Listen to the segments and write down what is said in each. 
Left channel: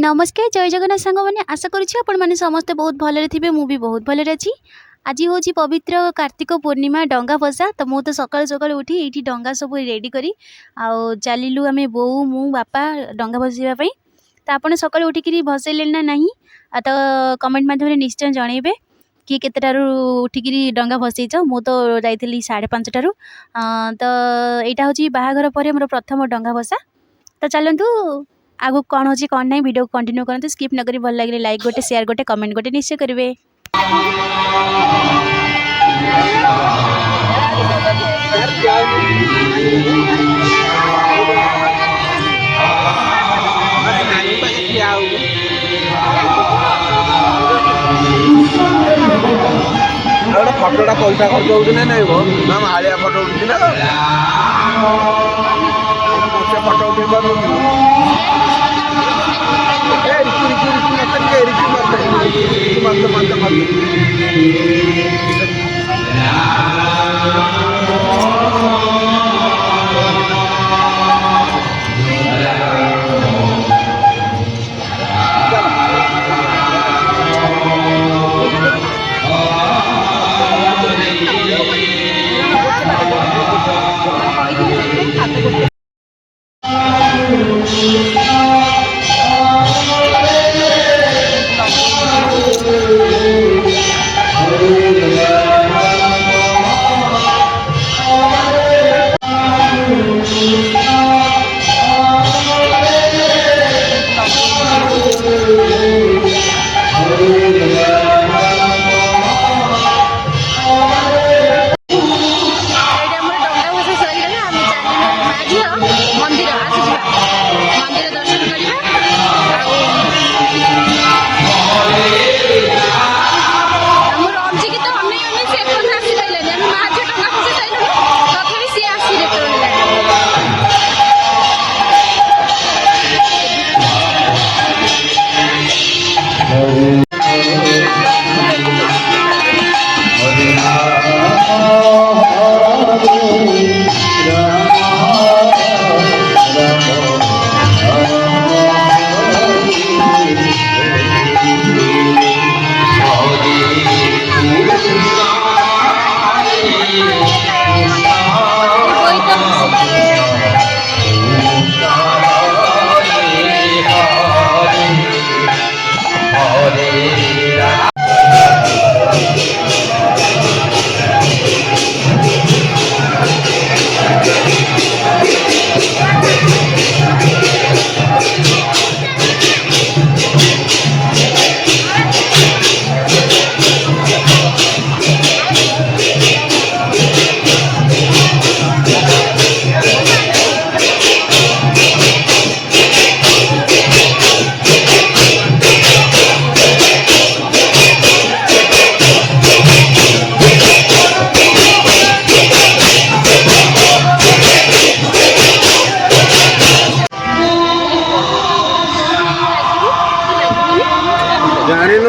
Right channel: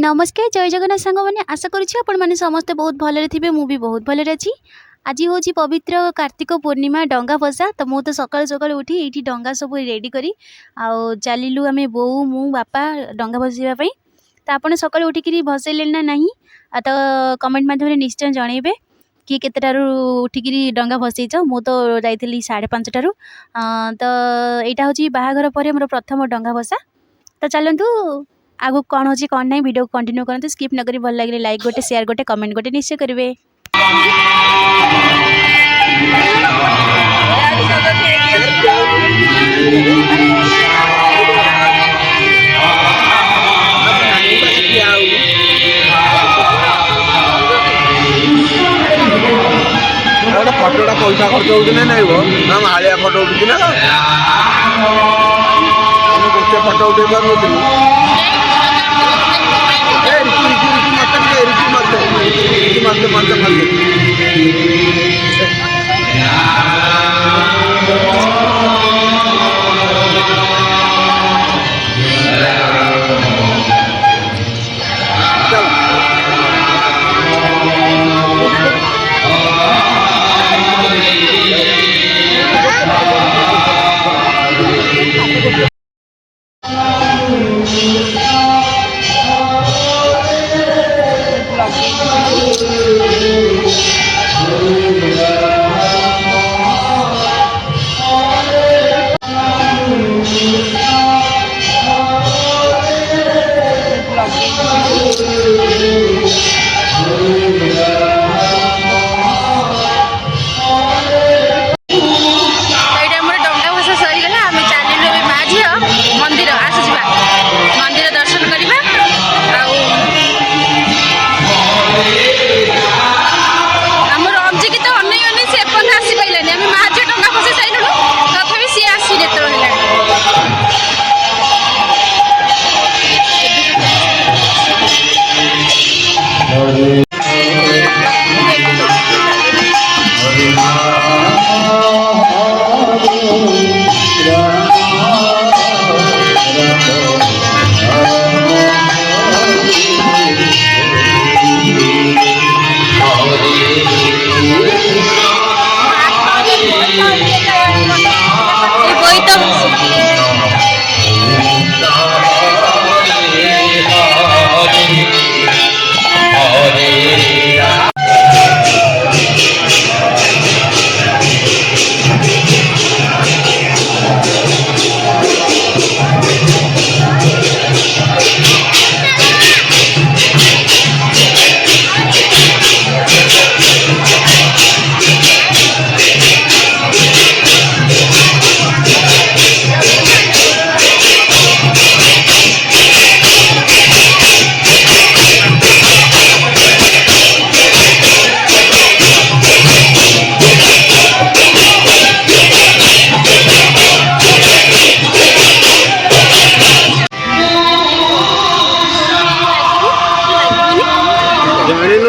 नमस्कार जय जगन्नाथ सांग मैंने आशा करुँचे समस्ते बहुत भलरे थे मुझे बहुत भलरे अच्छी। आज हूँ पवित्र कार्तिक पूर्णिमा डंगा भसा तो मुझे तो सकाल सकाल उठी ये डंगा सब रेडी करी चलू आम बो मु बापा डंगा भसाइवाई। तो आपड़ सकाल उठिक भसैले ना ना तो कमेंट मध्यम निश्चय जनइबे कि केतटारू उठिक डंगा भसैच। मु तो जाइली 5:30 तो यहाँ हूँ बाहाघर पर मोर प्रथम डंगा भसा। तो चलतु आगु कौन हो कौन ना वीडियो को कंटिन्यू करते स्किप न करी भल लगे लाइक गोटे शेयर गोटे कमेंट गोटे निश्चय करेंगे। फटोटा पैसा खर्च होती ना नहीं हालिया फटो उठी ना फटो उठे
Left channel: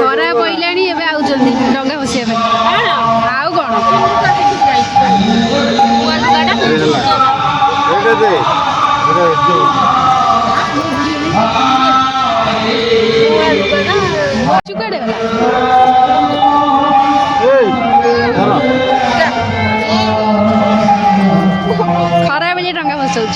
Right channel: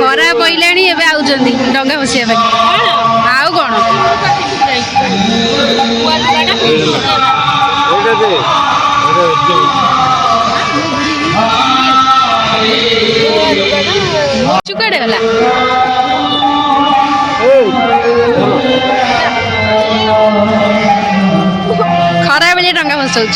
खरा पड़े डंगा भसा आउ कौन चुकाड़े गला खरा बेले डंगा भसाऊँ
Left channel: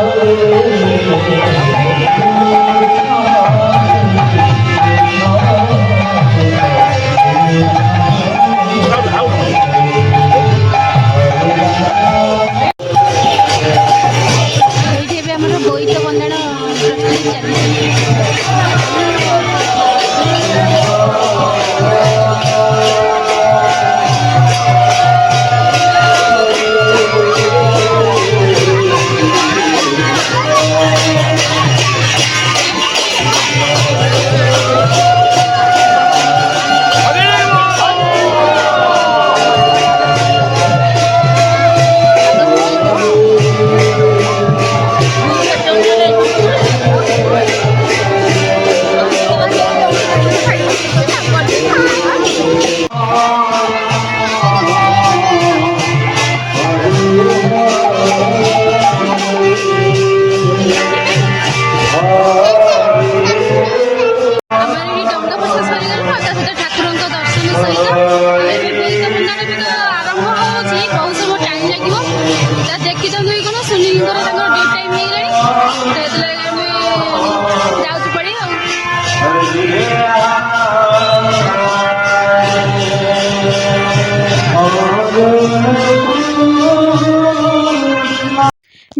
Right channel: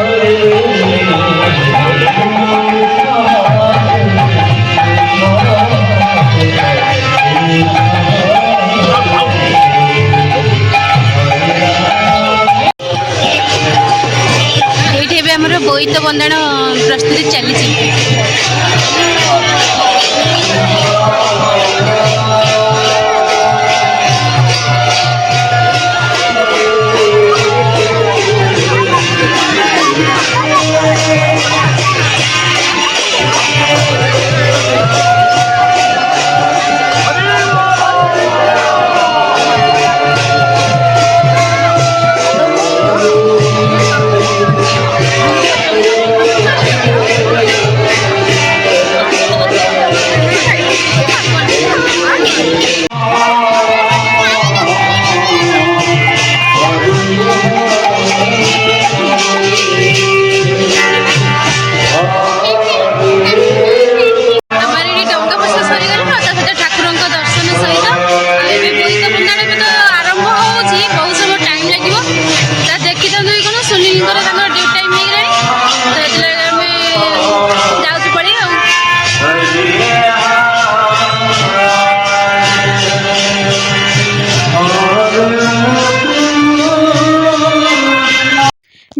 এইଠି ଏବେ ଆମର ବୋଇତ ବନ୍ଦାଣ ପ୍ରସ୍ତୁତି ଚାଲିଛି।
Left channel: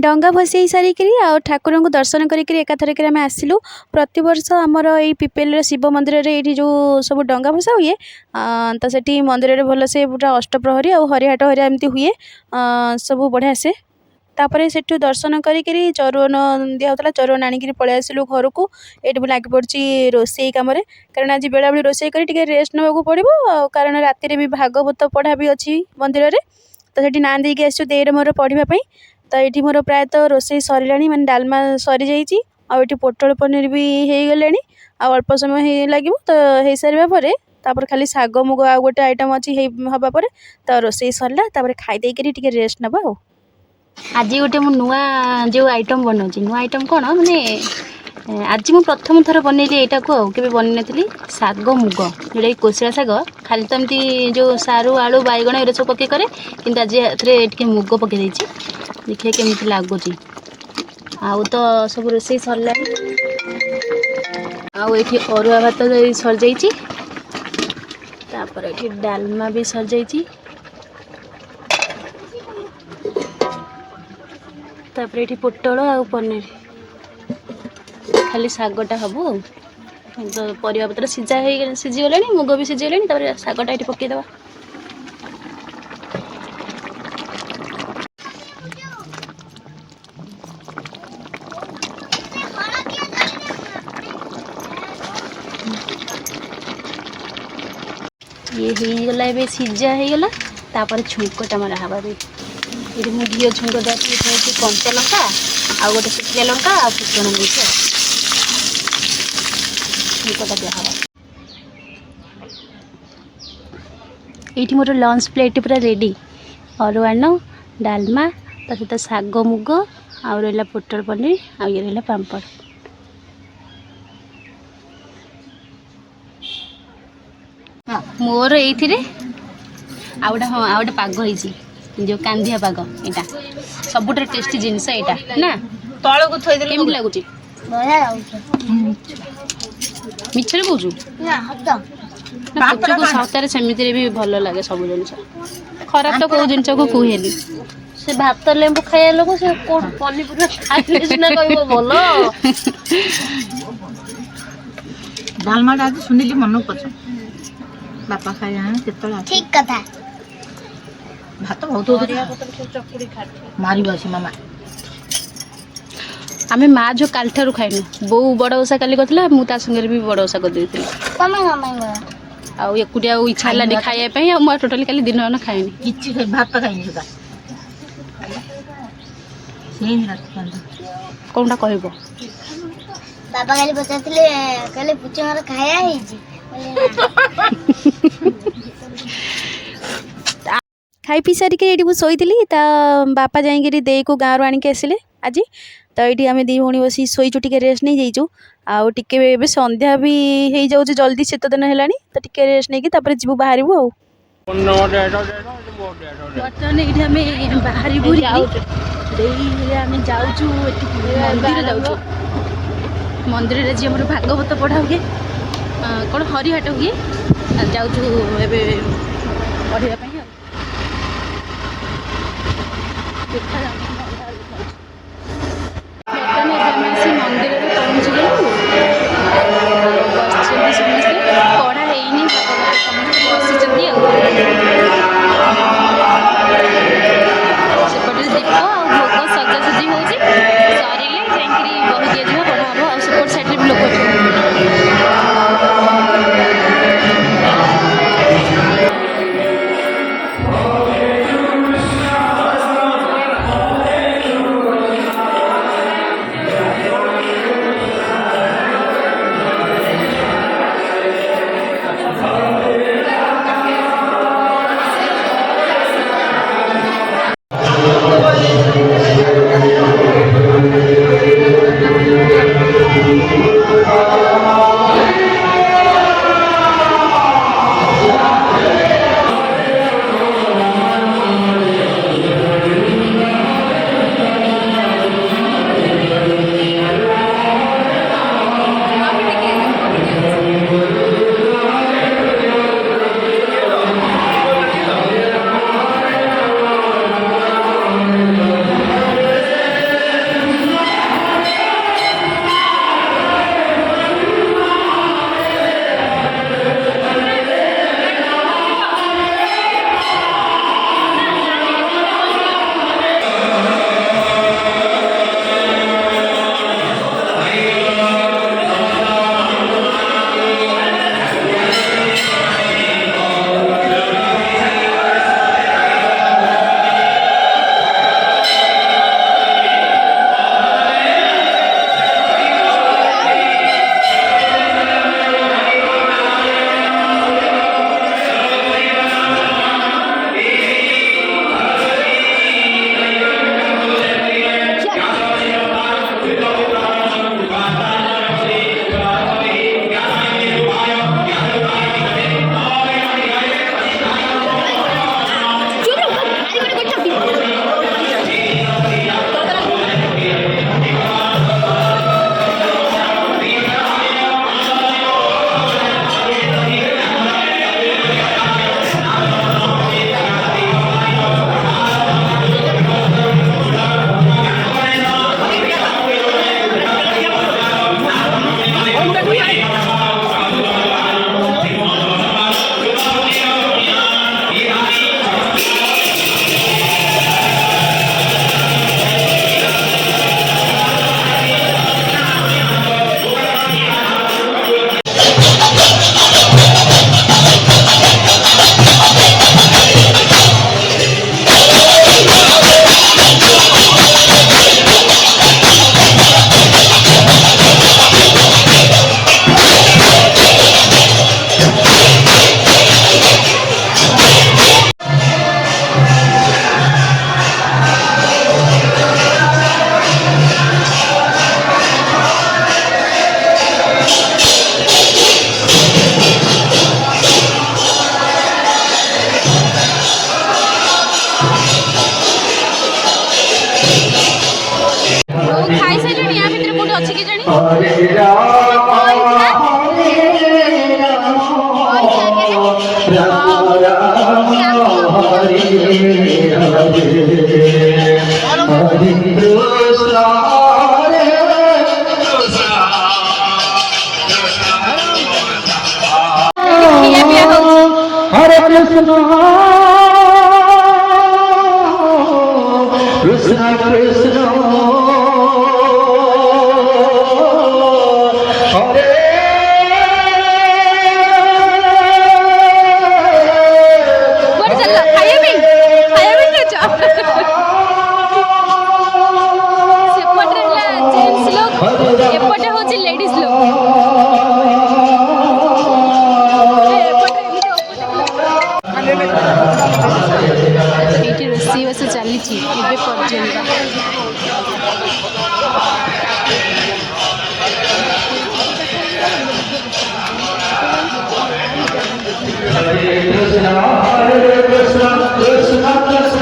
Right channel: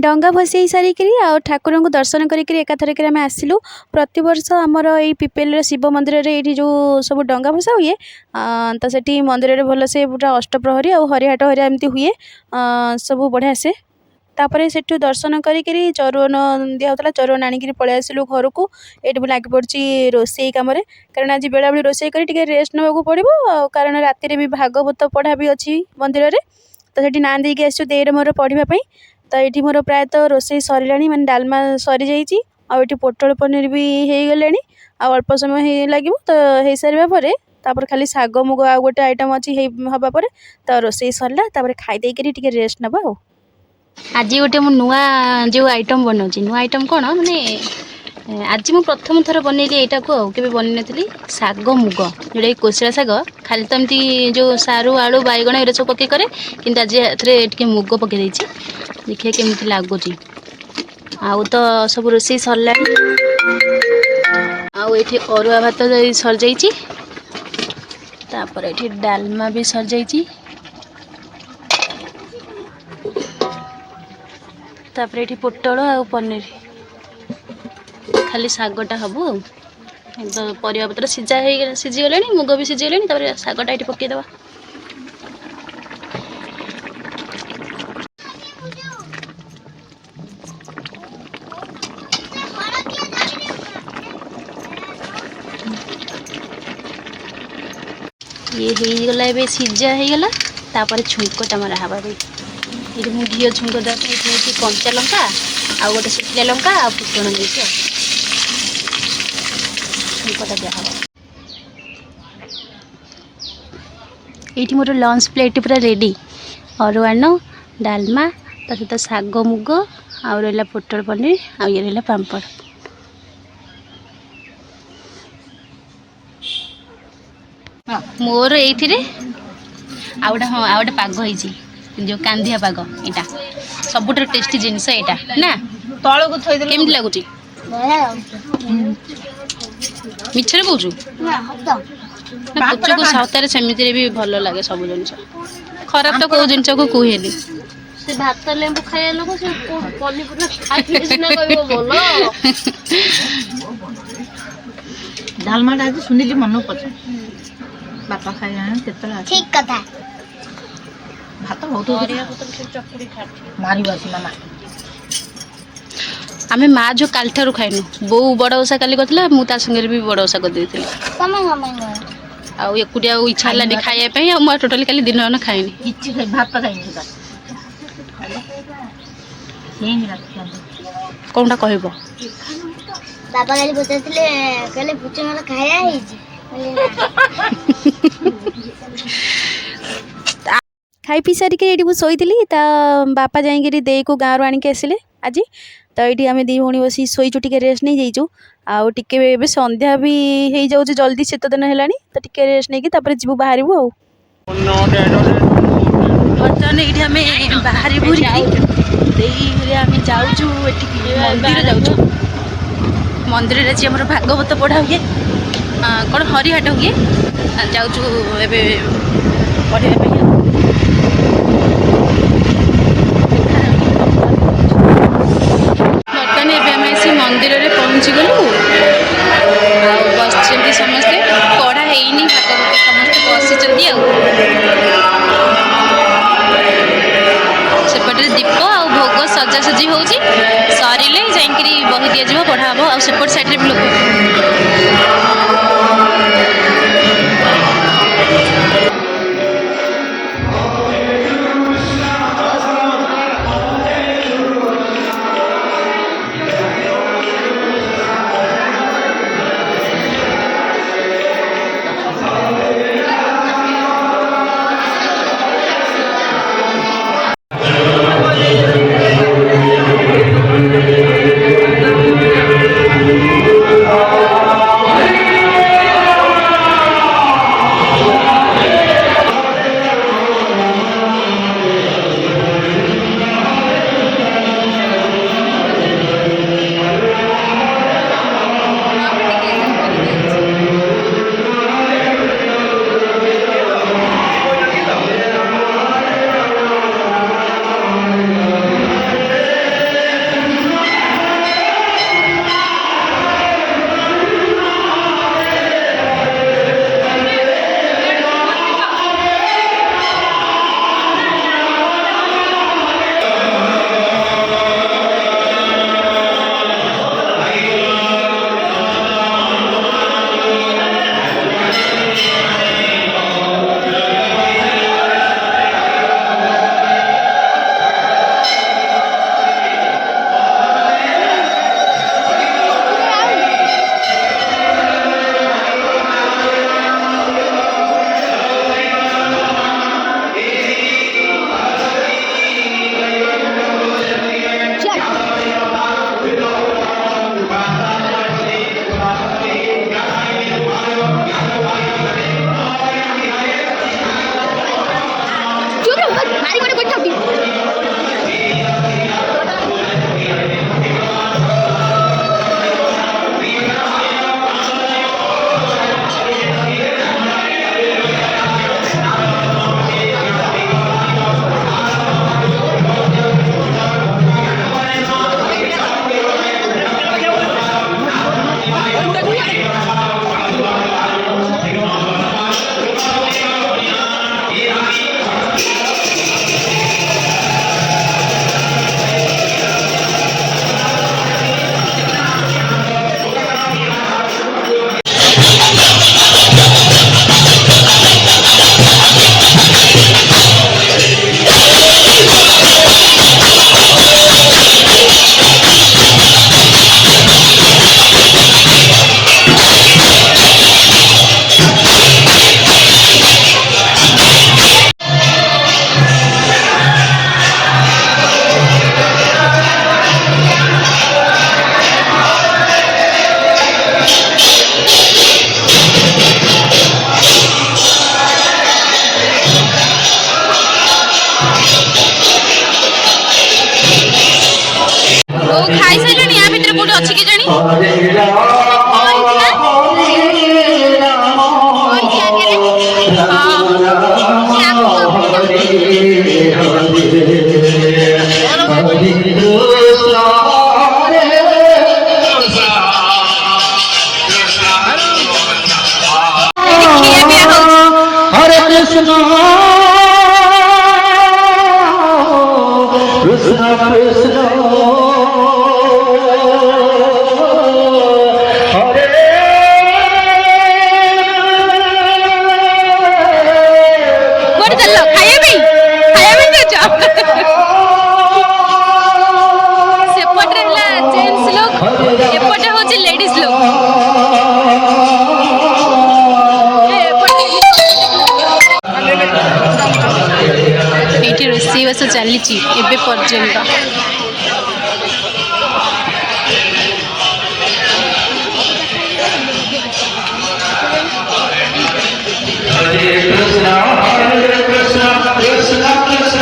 डंगा भसई सारिक ठाकुर को दर्शन करके एकाथरक आम आसिलु। प्रतिवर्ष आमर ये पिपेल शिव मंदिर ये जो सब डंगा भसा हुए तो से मंदिर भल से पूरा अष्टप्रहरी और हरिहाट हरिया एमती हुए सब बढ़िया से तापर से दर्शन करी चरुवन दिहला चरुवन आणिक पलि आसिलु घर को। ये भी लग पड़ी रोसई कम कारण आज बेला बेली रोसई कर रेस्ट नाक पड़ो कारण राति भी भागवत पढ़ा भी अच्छी मंदिर में तो ये ना देकी आसो देर मोर पढ़ापी तो ये मोर प्रायतः रोसई सरला माने डालमा सरी जाइए पोटल पनीर भी हो गले अल्प समय लगे तो हो सारे तापर खाली शाग मुग आ गोटे आइटम अच्छी हवापर तो रोसई सरला खाईदेक रेस्ट नवा। आज गोटे मु नुआ जो आइटम बनाऊँ नुआ आइटम कौन माने आज मु प्रथम थर बनइली यहाँ को के बन नी शाग मुग जोटा कोशिला शाग खाली तो एमती जो सारू आलू बैगण ये सब पकई करे कि आज टे मुग पकई देखिए केमती लगुच आउ तो सब रोसई सरला आठी अरुआ भात सर जाइए तापर ये डालमा भी सर जाइए तापर ये पोटल आ पनीर खाली शागटा हम तो परिया पत्र सीझीगला मुग भी सीझीगला शागटा ये पकईदे। ये होगला ए सीझा होगला तापर छुंकटा मरा हवा ये मुझे घी छुंक देती कंचा लंका आ गोटे शुखिला लंका आ फुटण देती छुंकटा दिहब। ये मोर लंच प्लेट पूरा रेडी अरुआन डालमा ता सहित शाग मुग आ रहा पोटल पनीर आ ये रहा पापड़। मोर ये आ गए हाँ आ गए पाग हो जो कांदिया पाग यहाँ सबुठ टेस्टी जिनस यहाँ ना तल को केमती लगुच मिछरे कौचु ना पुच को सप्ताह सेमती भी भल लगे सब जिन खराब तो कौ जिन को कहे से भात लेंबू खाया लोग से डालमाटा आज सुनिली मन पड़े बापा खाए ठीक कथा भात बहुत मारी बस मामा आमे माँ जो काल ठारू खाइनु बो बड़ ओषा काली करथिला मु ता संगे भी बड़ ओषा कर देथिली आउ एकुटिया इच्छा हलानी खाइया पई आ म टोटली काली दिन न खाइनी किछि खाइ भात खाइनी सुदा सेम रात कोनटा कहबो बाबा काली पचारथिले कहले पुचे मार खाया हिजी खाई पी सारिक ये शोली बापा जाइए दे को गाँव आणिक आसिले आज तो ये आम दी भौणी बस शोचु टे रेस्ट नहीं जाइचु आउ टे संध्या भी हो जाऊँ जल्दी शीत दिन है तो टे रेस्ट नहीं जीव बाहर ବର୍ତ୍ତମାନ ଏଇଠି ଆମେ ବାହାରି ବୁଲିକି ଦେଇରେ ଆମେ ଯାଉଛୁ ଏଠିକି ମନ୍ଦିର ଯାଉଛୁ। ମନ୍ଦିରରେ ଆଜି ଆମର ଭାଗବତ ପଢ଼ା ହୁଏ, କ'ଣ ହରିହାଟ ହୁଏ, ଯାଉଛୁ ଏବେ ପଢ଼ିବା ପାଇଁ। ବର୍ତ୍ତମାନ ଏବେ ଆମେ ଆସି ମନ୍ଦିରରେ ପହଞ୍ଚିଗଲୁ। ଆଉ ବସିଛନ୍ତି ସମସ୍ତେ, ପଢ଼ା ହେଇନି ଭାଗବତ, ସମସ୍ତେ ବସିଛନ୍ତି। ଆଉ ସେପଟରେ ଦୀପ ଆଉ ଭୋଗ ସଜାସଜି ହେଉଛି, ସରିଲେ ଯାଇକିରି ବହି ଦିଆଯିବ, ପଢ଼ା ହେବ। ଆଉ ସେପଟ ସାଇଡ଼୍ରେ ବି ଲୋକ ଅଛନ୍ତି। ଖାଇସାରିଲେଣି? ୟା ଭିତରେ କୋଉଠି ଅଛି କି ଜାଣି? हरे कृष्ण कृष्ण कृष्ण हरे बोल चलो खाइए भी देच सेपटे हला जेंट्स लोग एपटे होची लेडीज लोग एठी रोषेई बस चली एबे पर्यंत Hare Krishna, Krishna Krishna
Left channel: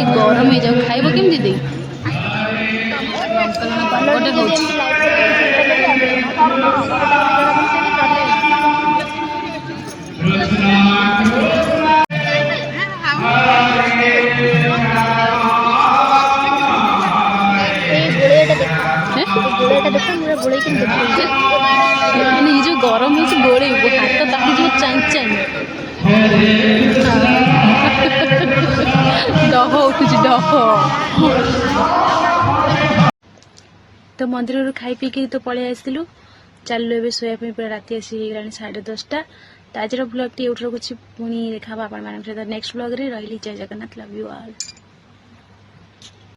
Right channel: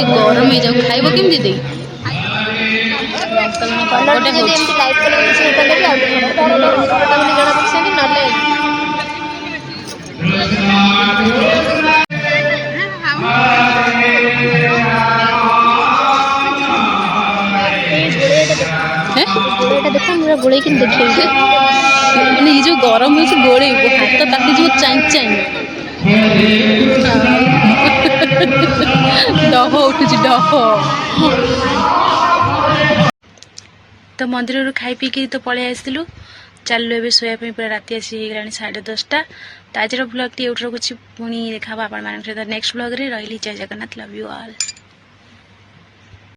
ଟିକେ ଗରମ ହେଇଯାଉ ଖାଇବ କେମିତି ଦେଇ ଲଙ୍କା ଲୁଣ ପାଗଟେ ହଉଛି ଗୋଳେଇକି ଦେଖେଇଛି ମାନେ ଏଇ ଯୋଉ ଗରମ ହେଇଛି ଗୋଳେଇବୁ ହାତ ତାତିଯିବ ଚାଇଁ ଚାଇଁ ଡହ ଉଠୁଛି ଡହ ତ ମନ୍ଦିରରୁ ଖାଇ ପିଇକି ତ ପଳେଇ ଆସିଥିଲୁ ଚାଲିଲୁ ଏବେ ଶୋଇବା ପାଇଁ ପୁରା ରାତି ଆସି ହେଇଗଲାଣି 10:30 ତ ଆଜିର ବ୍ଲଗ୍ଟି ଏଉଠି ରଖୁଛି ପୁଣି ଦେଖା ହବ ଆପଣମାନଙ୍କ ସହିତ ନେକ୍ସଟ ବ୍ଲଗ୍ରେ ରହିଲି ଜୟ ଜଗନ୍ନାଥ ଲଭ୍ ୟୁ ଅଲ୍।